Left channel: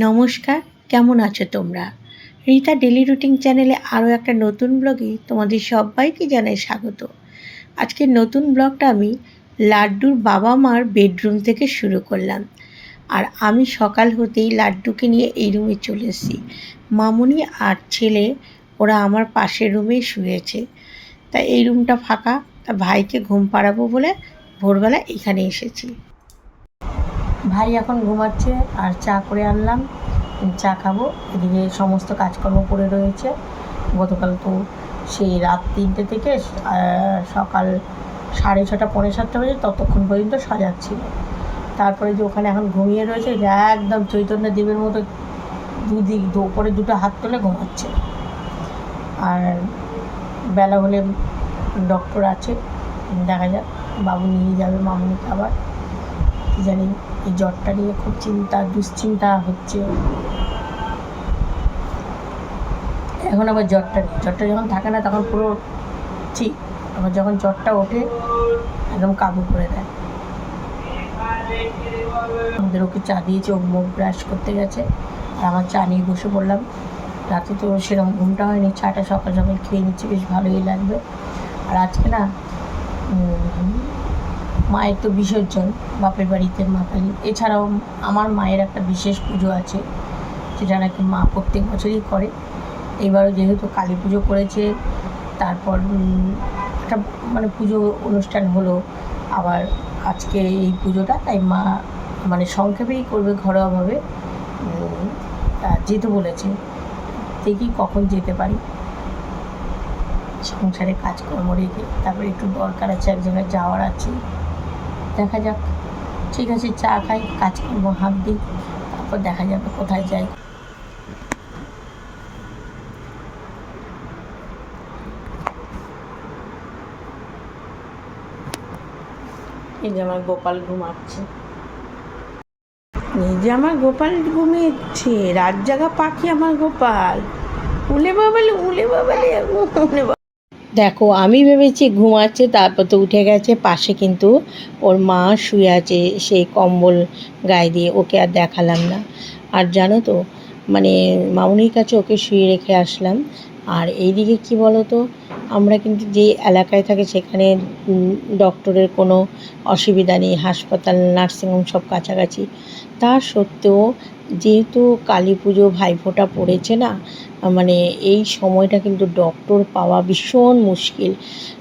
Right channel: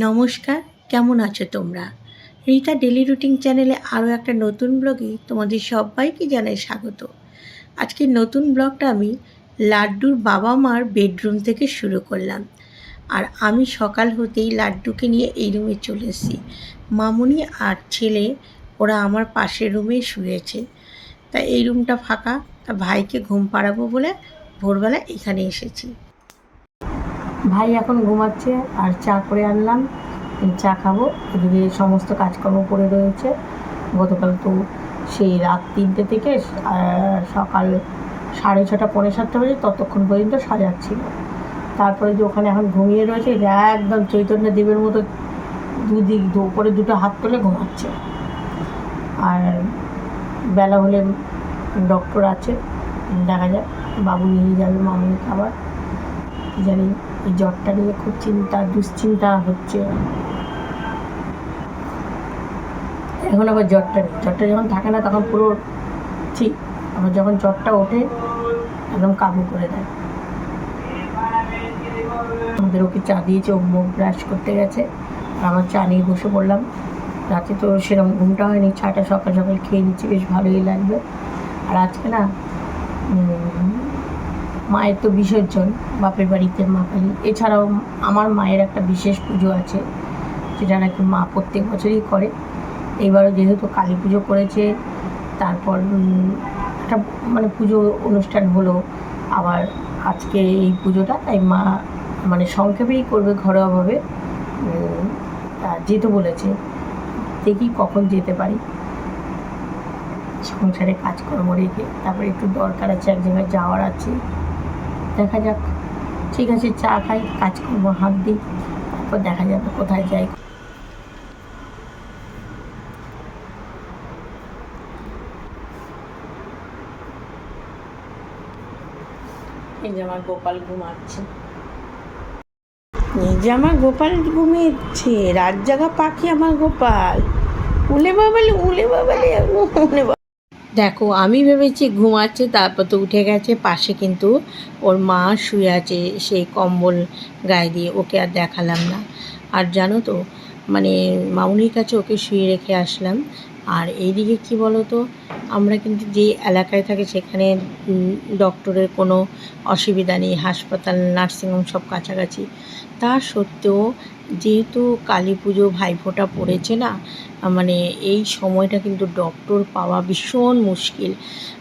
নমস্কার, কেমন আছো তোমরা? রীতা ডেলি রুটিন চ্যানেলে আরও একটা নতুন ব্লগে তোমাদের সবাইকে জানাই স্বাগত। আজকের নতুন ব্লগটা আমি লাড্ডুর বাবা মার বেডরুম থেকে শুরু করলাম। আর আমি সকাল হতেই লাড্ডুকে নিয়ে এই রুমে চলে এসেছি। মামুনি আর ছেলে, ওরা আমার পাশের রুমে শুয়েছে। তা এই রুমটা ফাঁকা, তা ভাইকে ঘুম পাড়াবো বলে ভোরবেলা এখানে এসেছি। ভাই এখন ঘুমাচ্ছে আর চা করে আনলাম, চা খাব, এদিকে সমস্ত কাজকর্ম পড়ে রয়েছে। গতকাল তো সেই রাত তিনটে থেকে সকাল সাড়ে ছটা, পৌনে সাতটা বাজে ততক্ষণ পর্যন্ত সাজাচ্ছিল। তারপরে যে ওখানে এখন ঘুমিয়ে রয়েছে একদম চৈতন্য দেবের মতো দুদিক, দু, উপরে দুটো হাত তুলে ঘুমাচ্ছে। আর বেলা হলে ডক্টর আছে, দেখা যাক, বাবু নিয়ে যাবে মামুনিকে আবার। জানি এই জ্বরটা নিয়ে খুব চিন্তা, দুশ্চিন্তা হচ্ছে। এখন আবার জ্বরটা নেই। জ্বরটা যখন থাকে না, তখন পুরো ঠিক আবার যখন জ্বরটা ওঠে, একদম কাবু করে দেয়। আমাদের ওকে চা দিয়েছে, ও মুখ ব্রাশ করতে গেছে। আর আমার চা নিয়ে বসে পড়লাম। রাতে তো সেরকম ঘুমটা হয়নি, চাটা সকাল সকাল খেয়ে নিচ্ছি, বেশ ভালোই লাগবে। আর আজকে না মায়ের তো বিসর্জন বাপের বাড়িতে মা কালী এছাড়াও আমার মায়ের একটা বিশেষ পুজো আছে, যেটা নাকি মা প্রত্যেক বছরই করে। এইবারও যেহেতু কালী পুজো করেছে, তারপর একটা মানে পুজো অনুষ্ঠান হলো আবার আজকে এই পুজোটা, তাই মা মানে সংক্ষেপেই করবে ঘরোয়াভাবে। তা যেতে বলেছে, দেখি কখন যেতে পারি। সংসারে কাজকর্ম রেখে, তারপরে একটু দরকার আছে, এক জায়গায় যাওয়ার আছে। দেখা যাক। ঠিক আছে, চা খাই, কাজ করব, হাত দিই, তারপর দেখা যাবে কোথায় যাই। যে আমার গোপাল ঘুমাচ্ছে। এই যে আমার গোপাল ঘুমিয়েছে, রাত জাগা পাখি আমার গোপাল। উলে বাবালে উলে বাবালে, উলে দেখো, আমি ভেবেছি ঘুমাচ্ছে, তারপর তো উঠে গেছে, পাশে কিন্তু ওর মা শুয়ে আছে সেই কম্বল গায়ে দিয়ে, ওকে আর দেখালাম না। আর জানো তো মানে মামুনির কাছে ওকে শুয়ে রেখে আসলাম, আর এইদিকে কি বলো তো আমরা কিন্তু যে এলাকায় থাকি সেখানে ডক্টরের কোনো অসুবিধা নেই, হাসপাতাল, নার্সিংহোম সব কাছাকাছি। তা সত্ত্বেও যেহেতু কালী পুজো ভাইফোঁটা পড়েছে না মানে এই সময়টা কিন্তু ডক্টর পাওয়া ভীষণ মুশকিল।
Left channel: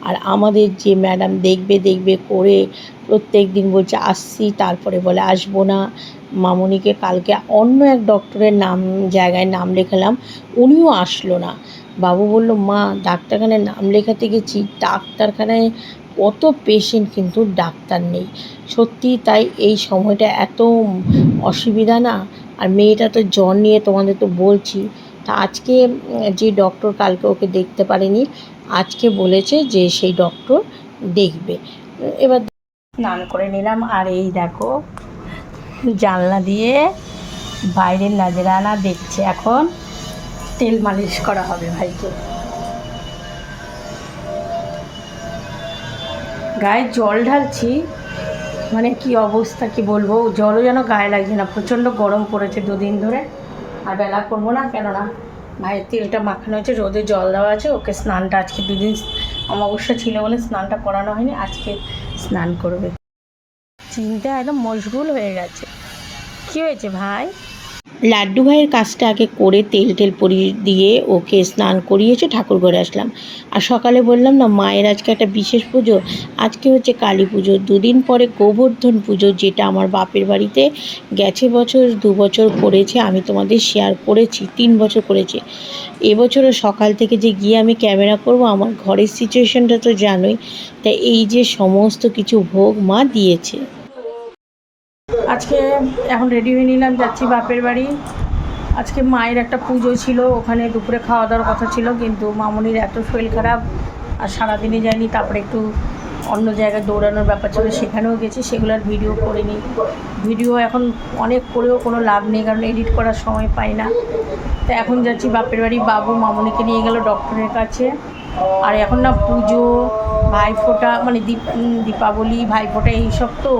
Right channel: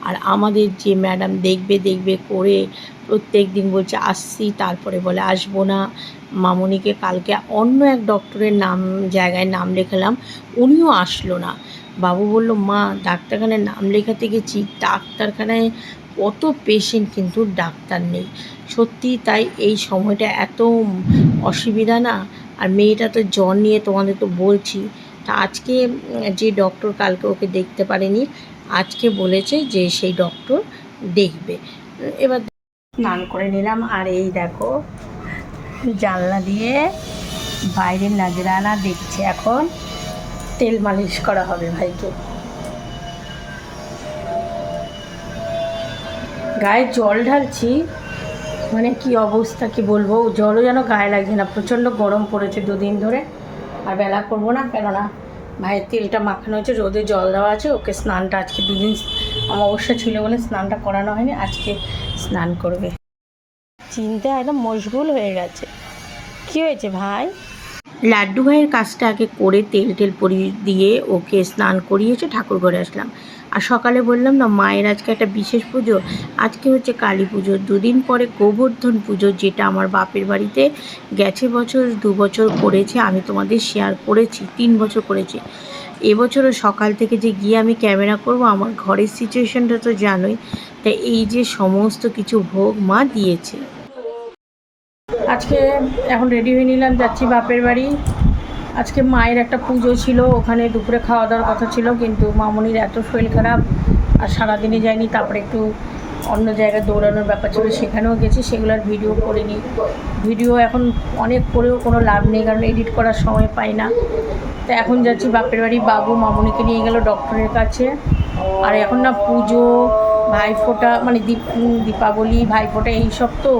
আর আমাদের যে ম্যাডাম দেখবে দেখবে করে প্রত্যেক দিন বলছে, আসছি। তারপরে বলে, আসব না। মামনিকে কালকে অন্য এক ডক্টরের নাম, জায়গায় নাম লেখালাম, উনিও আসলো না। বাবু বলল, মা, ডাক্তারখানায় নাম লেখাতে গেছি, ডাক্তারখানায় কত পেশেন্ট কিন্তু ডাক্তার নেই। সত্যি তাই এই সময়টা এত অসুবিধা না? আর মেয়েটা তো জ্বর নিয়ে তোমাদের তো বলছি। তা আজকে যে ডক্টর কালকে ওকে দেখতে পারেনি, আজকে বলেছে যে সেই ডক্টর দেখবে। এবার স্নান করে নিলাম আর এই দেখো, জানলা দিয়ে বাইরের নাজরানা দেখছে এখন। তেল মালিশ করা হবে ভাইকে। গায়ে জল ঢালছি। মানে কি অবস্থা, কি বলব? জলও যেন গায়ে লাগছে না। প্রচণ্ড গরম পড়েছে দুদিন ধরে। আর বেলা করব না, কেননা ভাইয়ের তেলটা মাখানো হয়েছে, রোদে জল দেওয়া আছে। ওকে স্নানটা আজকে দুদিন অমাবস্যা ছিল বলে স্নানটা করানো হয়নি, আজকে স্নান করবে। চিন্তা একদম মশগুল হয়ে গেছে। কি হয়েছে ভাই? লাড্ডু ভাইয়ের কাজটা আগে করে তেল টেল পরিয়ে দিয়ে ওকে স্নান করিয়েছে ঠাকুর ঘরে আসলাম। আর সকালে বললাম, না, মায়ের আজকে একটা বিশেষ পুজো। আজকে হচ্ছে কালী পুজো। দুদিন পরে গোবর্ধন পুজো, যেটা আমার বাপের বাড়িতে গেছে বছর, দু বছর করেছে, আমি তোমাদের শেয়ার করেছি, তিন বছর করেছি। এবছরও সকাল থেকে যে গিয়ে আমি ক্যামেরা করব, আমার ঘরের সিচুয়েশনটা তো জানোই। তাই এই যে সমস্ত কিছু ভোগ মা দিয়েছে। আজকে এখন রেডি হয়ে নিলাম, যাচ্ছি বাপের বাড়ি। আজকে মায়ের একটা পুজো ছিল, ওখানে দুপুরে খাওয়া দাওয়ার কথা ছিল, কিন্তু মামনির এত শরীর খারাপ, আর সারাদিনে যায়নি, তারপরে একটু অন্য জায়গায় দৌড়ানোর ব্যাপার ছিল, সেখানেও গেছি সেগুলোর ভিডিও করিনি। ভিডিও এখন অনেক করেও কোনো লাভ নেই, কারণ এডিট করার সময় পাই না। তো এখন যাচ্ছি বাপের বাড়ি, বাবু মামুনিকে নিয়ে গেল ডক্টরের কাছে। আর এখন না পুজো, ভাইফোঁটা মানে দীপ দীপাবলি, ভাইফোঁটা এইসব তো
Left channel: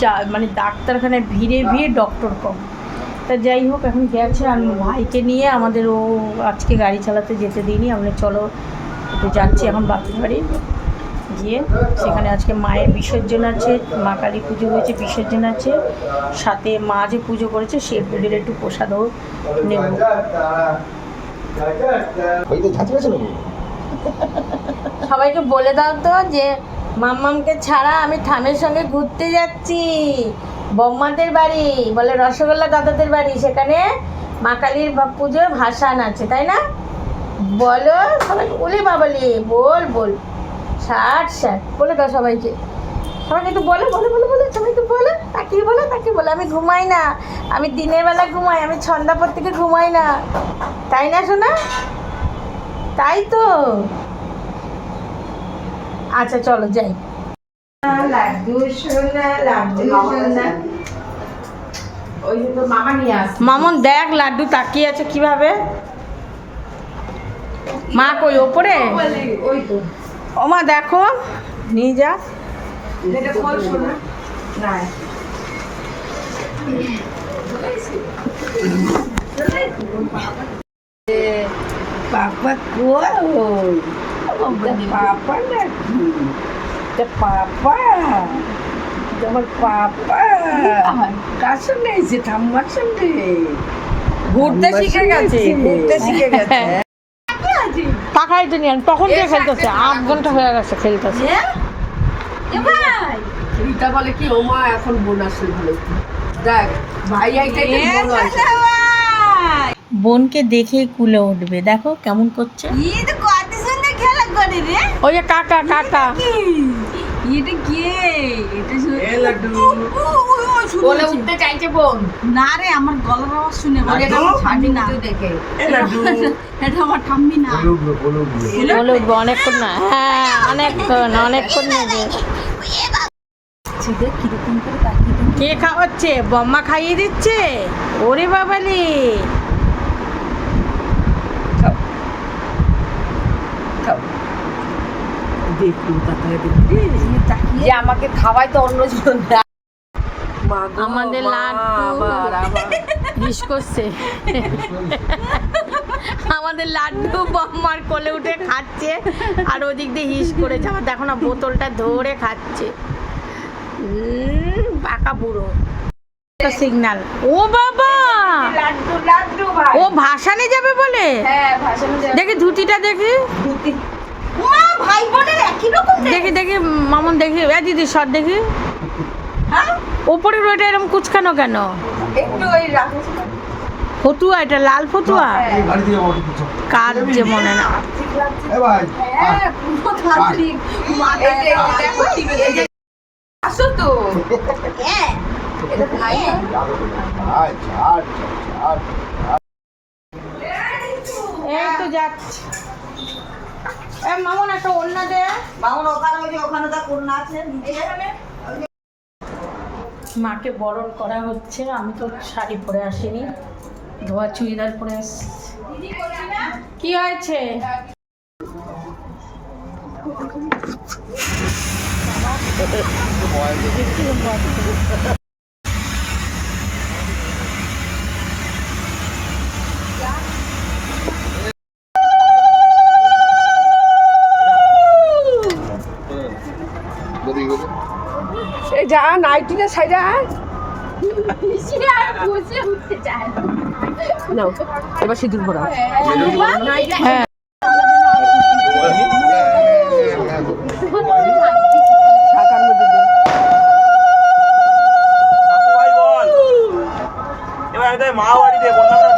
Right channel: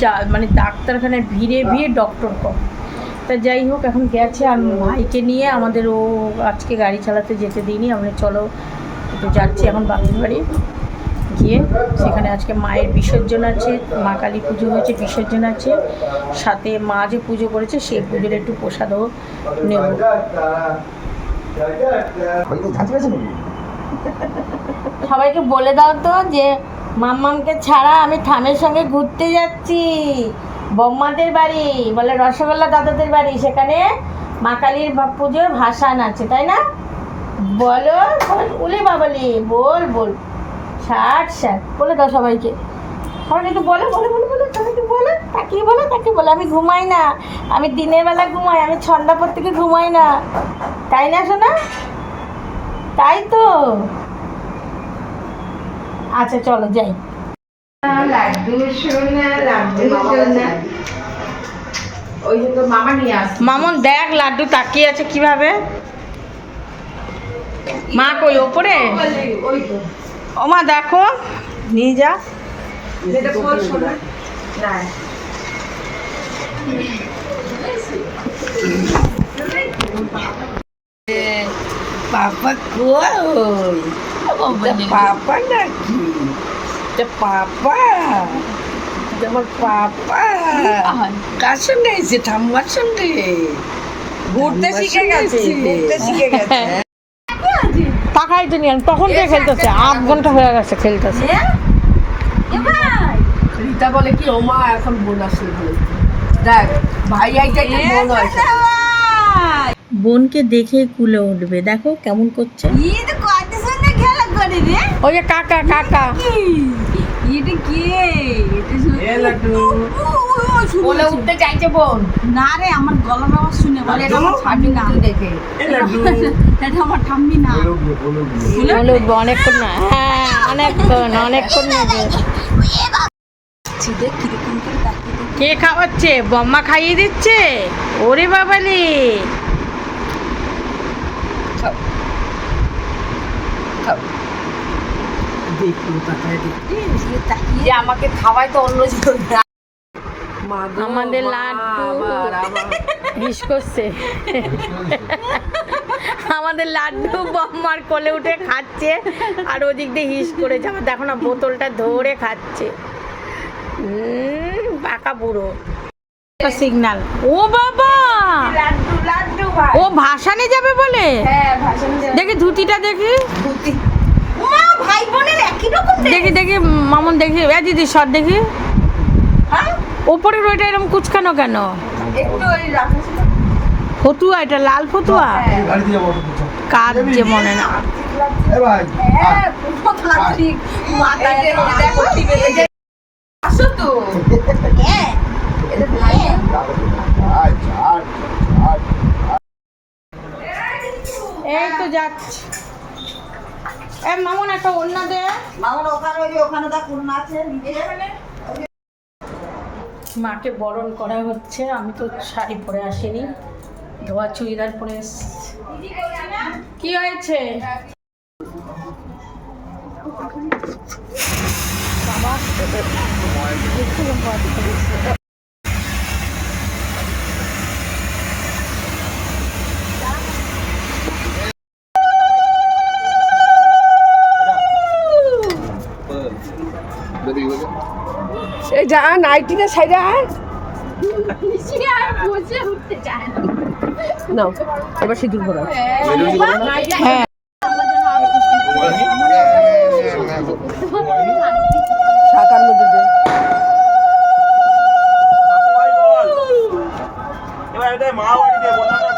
যা মানে ডাক্তারখানায় ভিড়ে ভিড়ে ডক্টর কম। তা যাই হোক, এখন গেছে আর ভাইকে নিয়ে আমাদের ও আজকে গাড়ি চালাতে যেতে দিইনি আমরা চলো, একটু যাচ্ছি এখন বাপের বাড়ি। গিয়ে সেখানে আজকে মায়ের বিসর্জন আছে মা কালী পুজো হয়েছে বিসর্জন আছে সাথে মা যে পুজো করেছে সে পুজোর একটু প্রসাদও নেব। সবাইকে বলে দাও তো যে মাম্মামকে ছাড়া আমি ঠামের সঙ্গে ঘুরতে যাচ্ছি। বম্মাদের বাড়ি বলে রসগোল্লা দাদাদের বাড়ি সেখানে মা কালীর পুজোর ভাসান আছে তাই না? বলো উলি বাবালি বল বল। ষাট ষাট বলে দাও সবাইকে। সবাইকে একটু বলে বলে বলে বলে সবাইকে বলে তাকিয়ে বলে তাকিয়ে বলে। আমি ঘুমাই না। আমি দিনের বেলা ঘুমাই আমি ছন্দাপর থেকে ঘুমাই না। তাই না শোনা তাই তো। আচ্ছা চলো যাই। লাড্ডু সোনা লাড্ডু সোনা। ওই যে তোর মামা নিয়ে আস। মামন দেখ লাড্ডু তাকিয়ে আছে কীভাবে। মা কই ওপরে? ওই তো। ও মা দেখো নিয়ে যা। পাপা কই? পাপা নাকি? পাপা? এটা আমার পাপা। কার সঙ্গে এসে ঠাম্মার সঙ্গে? ঘুরতে শিখে গেছে ঘুরতে শিখে গেছে। পাখাই তো নিয়ে তখন থেকে খেলতেছে আধ ঘণ্টা হয়ে গেছে খেলতেছে। রিতা বলে কি ওমা এখন বোন আসলে বোনকে দেখে কুলে উঠবে দেখো কেমন করছে। ওই যে কাকা কাকা। এটা কে? এটা শুনে এ লাড্ডু। বলে উঠতে চাইছে বোন। না রে আমার গলার আওয়াজ শুনে বলে এটা আমার ঠাম্মি না। দেখে। এটা আমার ঠাম্মি না। বলে উঠবে অনেকক্ষণ না। হ্যাঁ অনেকক্ষণ অনেকক্ষণ থাকে। কে খাওয়াচ্ছে? বম্মা খাইয়ে দিচ্ছে? ওরে বাবালি। দেখি যে আমাকে খাওয়ায় তো অন্য জন আমাদের লাড্ডু। হিস করছে। আমাদের লাড্ডু বম্মার কোলে উঠে খাচ্ছে আর ওদিক দিয়ে হিস করে যাওয়া দেখো না বোতলটা ধরে খাচ্ছে। উম, পাকা পুরো সিগনাল ও বাবা! লাড্ডু লাড্ডু ভাই। ও ভাসানে যাবে বলে? হ্যাঁ দেখি ধুতিটা দেখি। মা ভাই বোনের একই রকম দেখি দেখি মামন দেখি এ দিদি সর দেখি। ওপরের ওইটা এরকম কুচকানো কেন? একটু ওই ফতুয়া এটা লাল ফতুয়া? পিছন কার যে মনে না। এ ভাই হ্যাঁ হ্যাঁ। এই তো যাচ্ছে। এ মামন একটা অন্য দে। মামুন ওখানে ওই ওখানে তার কন্যা আছে নিচে। মাকে বরণ করা হচ্ছে আমি তো শাড়ি পরে আসিনি। ধোয়া চুড়িদার পরে কি হয়েছে? বাবা দেখছিলাম বাবা। এই যা নাইটিটা সাইডে আয় এবার সিঁদুর ভরা হ্যাঁ।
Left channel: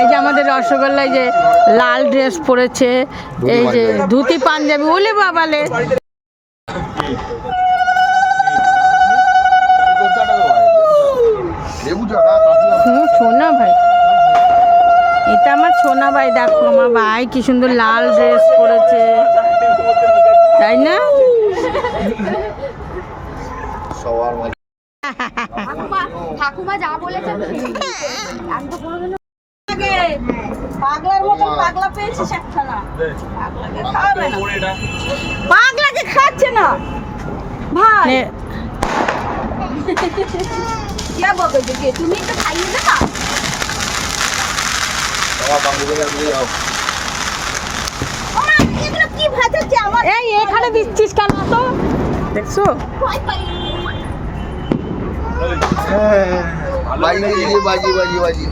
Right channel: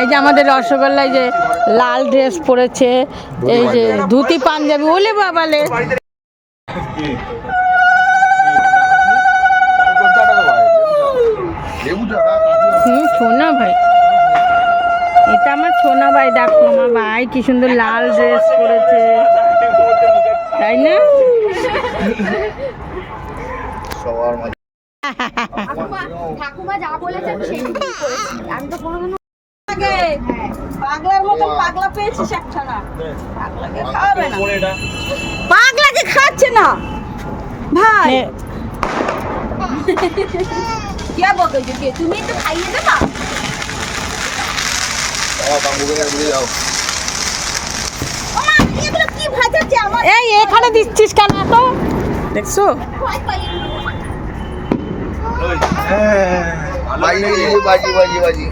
এই যে আমাদের রসগোল্লায় যে লাল ড্রেস পরেছে, এই যে ধুতি পাঞ্জাবি, ওলে বাবালে ভাই দেখো আমার ভাই কি সুন্দর লাল ড্রেস পরেছে। তাই না? ঠাকুমা যা বলেছে আমি তো কোনোদিনও পাগলার মতন পাগলা পেয়েছিস একটা না পাগলাকে খাওয়াবে না। পাগলাকে খাচ্ছে না। ভাই। কে তুমি একটু খাইয়ে দে না ওমা, এগুলো কি ভাজাচ্ছে আমার এই এখানে দিচ্ছিস কেন তো। দেখছ? ভয় পাই। বাজি বাজি বাজি বাজি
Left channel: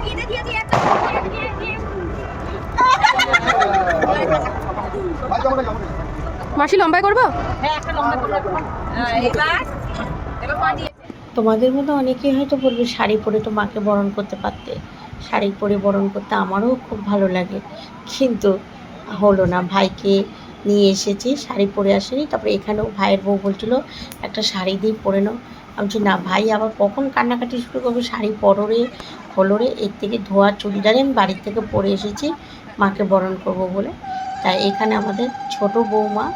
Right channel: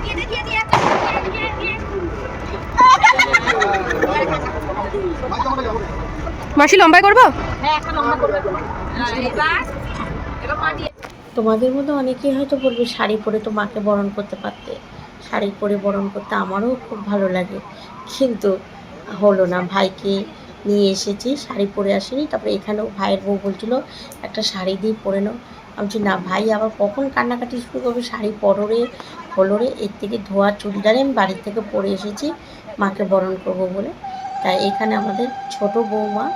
দিয়ে দিয়ে দিয়ে দিয়ে দিয়ে লম্বাই করব? হ্যাঁ তোমাদের মধ্যে অনেকেই হয়তো বলবে শাড়ি পরে তো মাকে বরণ করতে পারতে। শাড়ি পরে বরণ করতে আমারও খুব ভালো লাগে। কিন্তু হলো না ভাইকে নিয়ে এসেছি শাড়ি পরে আসেনি। তারপরে এখানেও ভাইয়ের বউ বলছিল একটা শাড়ি দিয়ে পরে নাও। আমি বলছি না ভাই আবার কখন কান্নাকাটি শুরু করবে? শাড়ি পরো রে হলো রে এর থেকে ধোয়া চুড়িদারে আমি বাড়ির থেকে পরে এসেছি মাকে বরণ করব বলে। তাই এখানে আমাদের ছোট বৌমা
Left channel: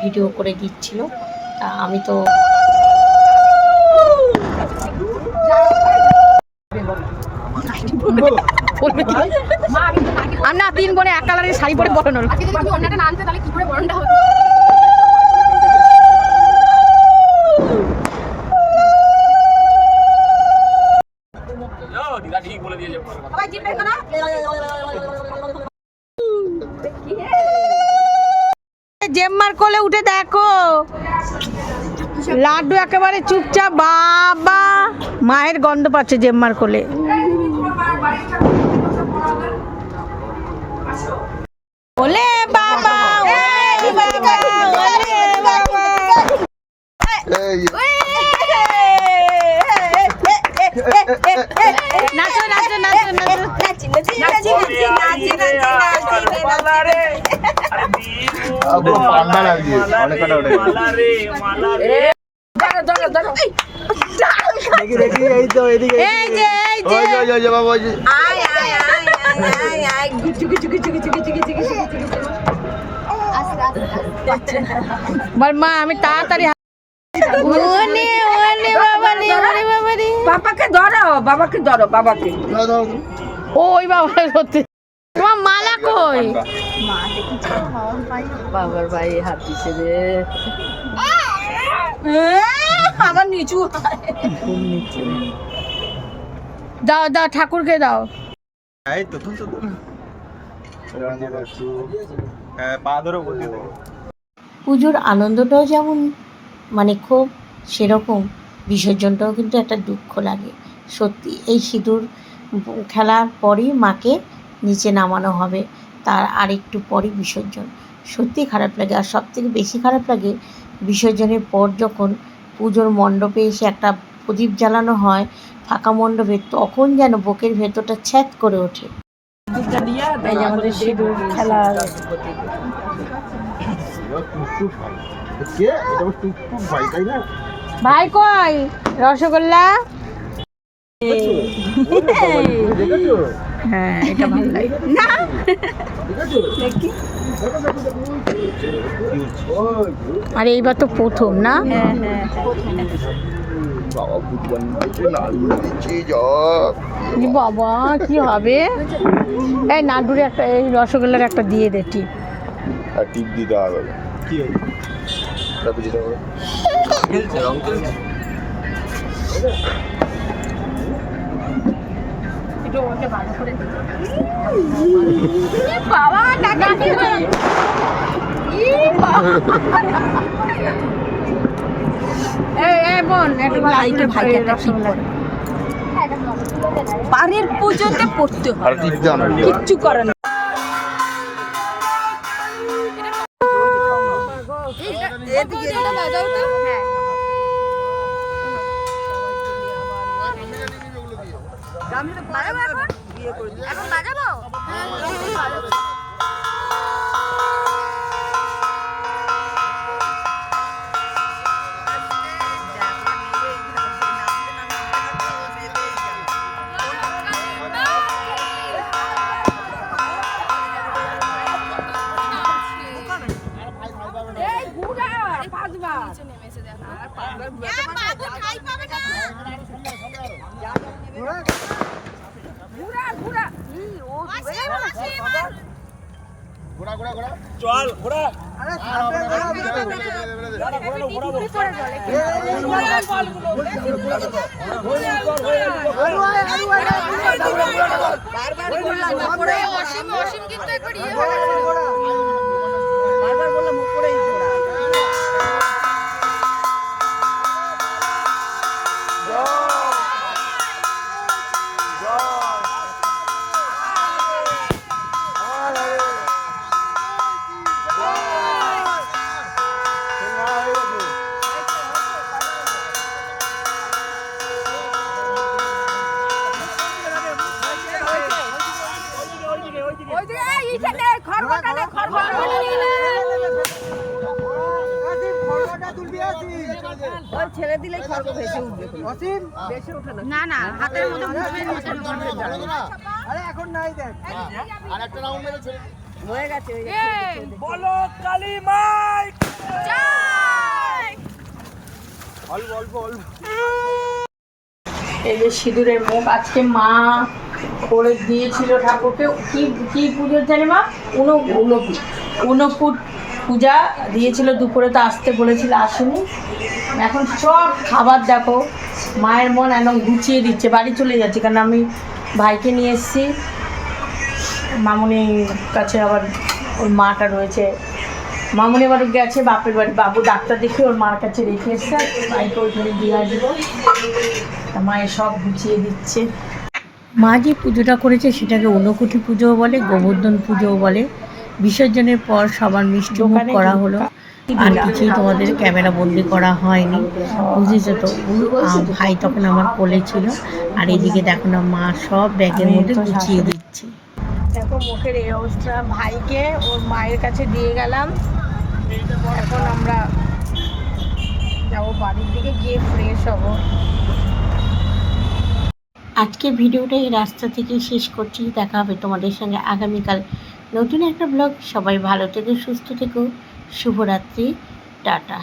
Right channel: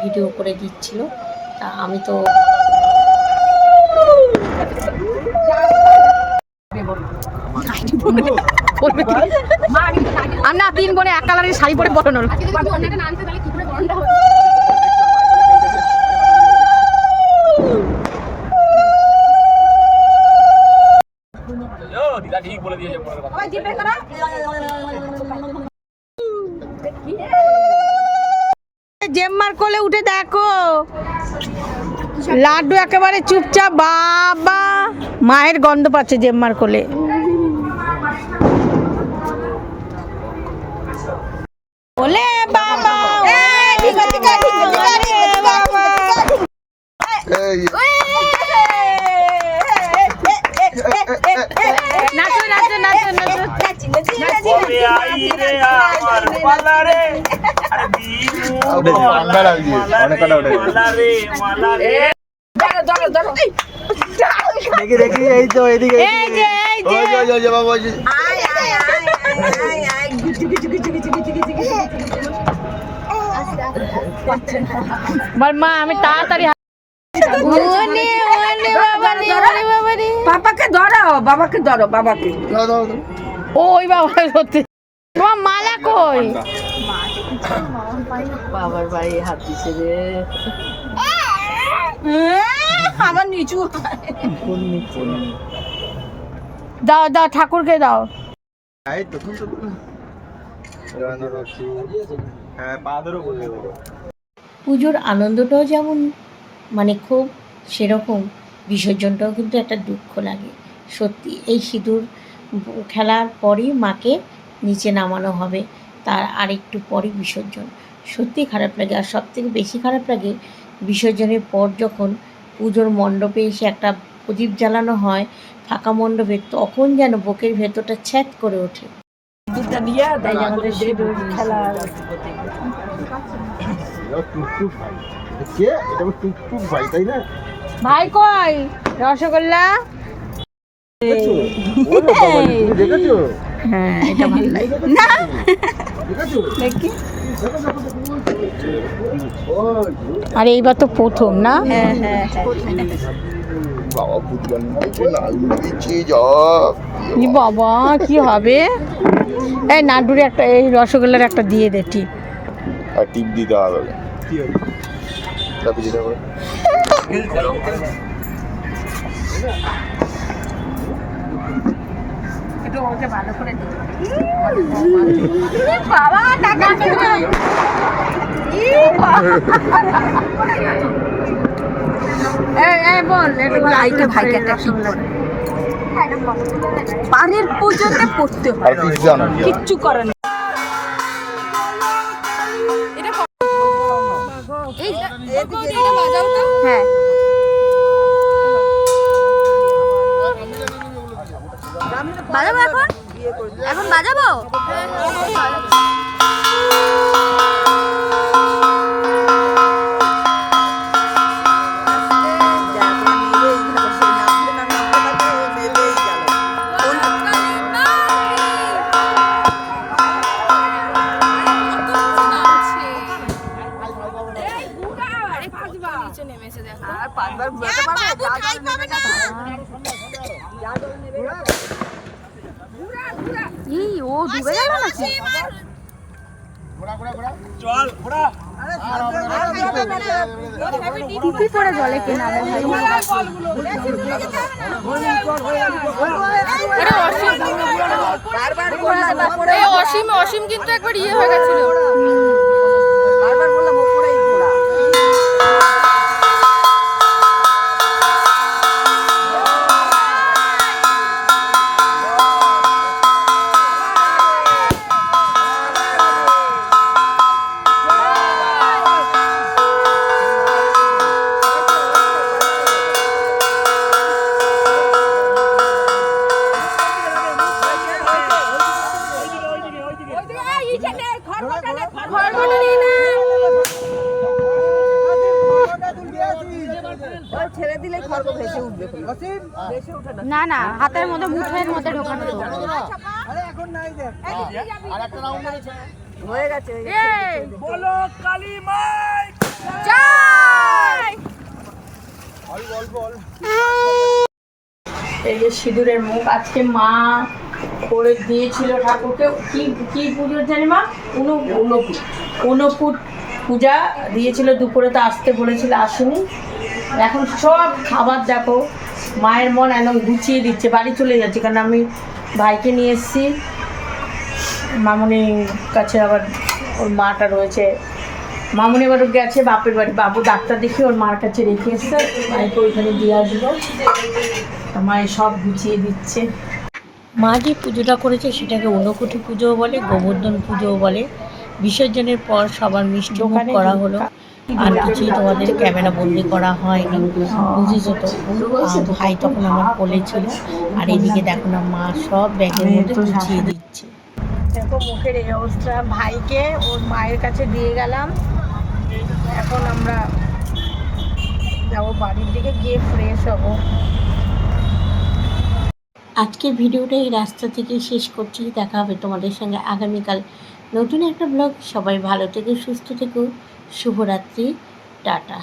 ভিডিও করে দিচ্ছিল। তা আমি তো আমরা তিন বোনে এক কালারের শাড়ি পরে বরণ হলো। জেম্মার কোলে উঠে দেখো। লাড্ডু একেবারে চুপচাপ বাবা। মায়ের গন্ধ পাচ্ছে জেম্মার কোলে। ওলে বাবা ওলে বাবা ওলে বাবা। নাচো নাচো নাচো নাচো। দেখি দেখি এই তো এদিকে এই যে এই যে। ওই যে, ওই যে, ওই যে বাবা ওই যে। বল মা আমি তাড়াতাড়ি বাবা রে ওরে বাবা রে বাবাকে ধরো বাবাকে ধরো বাবাকে। দাও। ওই বাবা সত্যি। কই? বাবার ভাই হাত দিছে রে। আমার নিচু দাও দাও ঠাকুরকে দাও। হ্যাঁ। পুজোর আনন্দটাও যেমন মানে খুব সেরকম বিসর্জনটাও কিন্তু একটা দুঃখ লাগে। সত্যি এই সিঁদুর খেলার পরই মাকে নিচে নামানো হবে। তার আরেকটু পরই বিসর্জন। সত্যি খারাপ লাগে। আর সব থেকে বেশি খারাপ লাগে বিসর্জনের পর যখন পুজোর মণ্ডপে এসে একটা প্রদীপ জ্বালানো হয় ফাঁকা মণ্ডপে তখন যেন বুকের ভেতরটা ছ্যাদ করে ওঠে? ভাই কই? রসগোল্লা? দেখেছ? হ্যাঁ এটা ভালো লাগে? দেখো। ওই, আর এইবার তো প্রথম না? বাবা ফুটবল মারছে, লাল দিচ্ছে, যা। ই বাবা কি হবে? এই নাডুরে একটা এই রসগোল্লার একটা দিয়ে দে টিপ। আর টিপ দিতে হবে কি হয়েছে তারপর যেটা বাবা টাকা টিপ করে পুজোতে পড়তে হয়। কিচ্ছু করে অসীম অসীম কিন্তু একবার ইয়ে হয়ে গেছিল বারবার বললাম ওপরেই। ছেড়ে দিলে না না হাতের মধ্যে মধ্যে ঢোকানো হয়ে গেছে এই যে সিঁদুরের মুখ, আজকে মা করে দিয়েছিল ঠাকুরকে। কি কি পুজোর জানি মা? উনো উনপুট উনপুট পূজা দিয়েছিল দুপুরে তো আসতে বলেছিল আসেনি। এখন সব খাবার দেখো মায়ের মন একদম গুছিয়ে দিচ্ছে বাড়ি চলে যাচ্ছে কারণ আমি ভাইকে নিয়ে এসেছি। মামনির কাছে আবার ওর মাটা রয়েছে। মামনি আবার গেছে বাপের বাড়ি। বাবু ডাক্তার দেখে ওর মার কাছে রেখে এসছে মাইকে ওইখানে দিয়ে আসব। মায়ের সব গুছিয়ে দিচ্ছে। মা যে পুজোটা করেছে সেটাকে ঊনকুঠি পুজোও বলে গোবর্ধন পুজোও বলে। বিসর্জনের পর সবার মিষ্টি করা হলো। আর কিছুই তোমাদের ক্যামেরা বন্দি করা হয়নি। বুঝেছ তো? ভাই তখন আমার কোলে ছিল। আর এদিকে দেখো না মা সব ব্যাগের মধ্যে গুছিয়ে দিচ্ছে। দেখো মুখের এই অবস্থা। ভাইকে ওর মায়ের কাছে দিয়ে গেলাম। এখন আমরা যাব বাড়ির দিকে গিয়ে ফ্রেশ হব। আজকের ভিডিওটা এই রাস্তা থেকে শেষ করছি। দেখা হবে তোমাদের সঙ্গে আগামীকাল নতুন একটা ব্লগ। সবাই ভালো থেকো, সুস্থ থেকো। শুভরাত্রি। টাটা।